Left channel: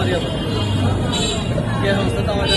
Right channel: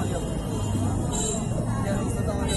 Message তো আমারই হবে কে সমস্যা তো আমাদের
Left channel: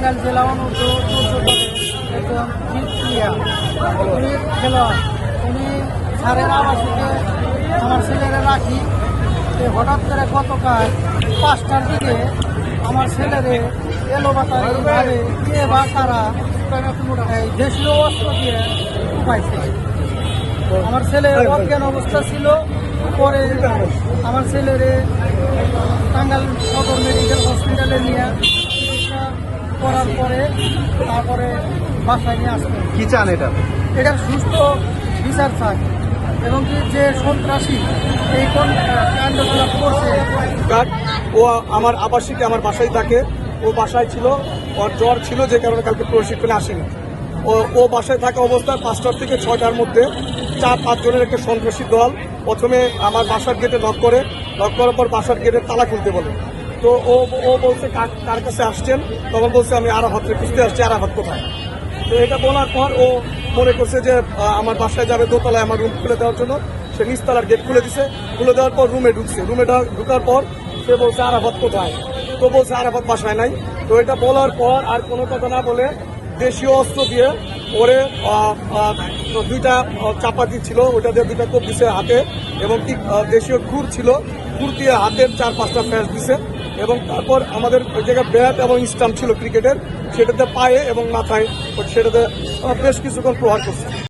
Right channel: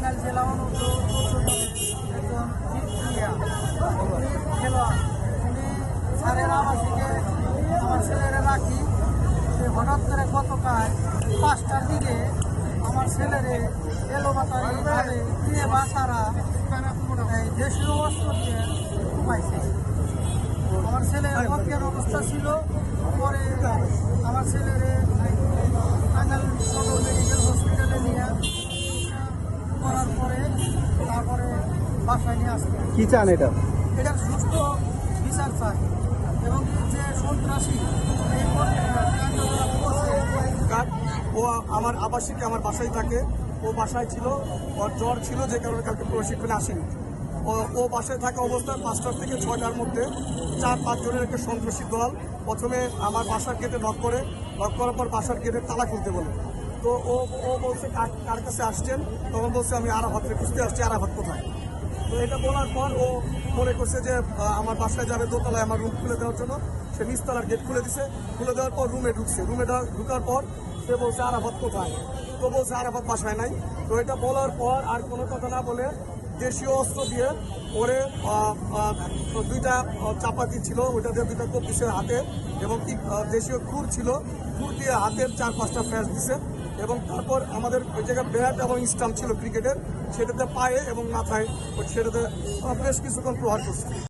টাঙ্গাইল জেলা একজন জিত প্লেয়ার উনি খেলোয়াড়। উনি স্যারের আবাসিকে আমার ছেলেরা রাখি। সে হঠাৎ করে গতকাল পাঁচটার দিকে আমার ছেলেরে এলোবাতারিভাবে কে বা তারা এই দেশীয় অস্ত্র দিয়ে উপাইছে। আমার ছেলে অজ্ঞান অবস্থা ছিল। পরে আমার ছেলেরে টাঙ্গাইল সদর মেডিকেল হসপিটালে নিয়ে করার পরে তারপরে বাসায় নিয়ে আসবে কি চান এটা? এটার সুস্থ বিচার চাই। এবং কি যে সন্ত্রাসী এই কোন কাণ্ডকলাপ করছে ও আমার আবাসিকে আমার বাসায় থাকে। ও বাসায় ছিল ওর জ্বর ছিল যে কারণে কালকে প্রশিক্ষণে আসেনি। ও ও বাসায় থাকা অবস্থায় পাঁচটার থেকে ছয়টার মধ্যে চার পাঁচজনের একটা সন্ত্রাসী দল প্রথমে আমার বাসার গেটে নক করে। নক করার পর বাসার গেটের তালা খুলতে বলে। তো ও ও বলছে কার কাছে আসছেন? তখন বলছে আমি আরাফাতকে খুঁজতে আসছি, আরাফাত কোথায়? তো এটা বলার পর ও মনে করছে যে আমার বাসায় যাবে দোতলায় আমার রুম খুলে দেওয়ার জন্য। সে নিচতলার গেট খুলে দিছে। খুলে দেওয়ার পর রুমে ঢুকছে। রুমে ঢুকার পর সে বলছে, আরাফাত কোথায়? তো বলছে, আরাফাত বাসায় নাই। তো এটা বলার পর আর কোনো কথা না বলে দেশীয় অস্ত্র দিয়ে ওরে দুইটা চাপাতি ছিল ওটা দিয়ে দুইটা কোপ দিছে হাতে এবং দেশীয় খুর ছিল। খুর দিয়ে হাতের চার পাঁচটা প্যাচ দিছে। এবং তারপর আমাদের ওই জায়গায় ব্যাট এবং স্টাম্প ছিল ক্রিকেটের, সেটাতে পায়ে এবং মাথায়, সেটাতে বেশ কিছুক্ষণ প্রহার করছে।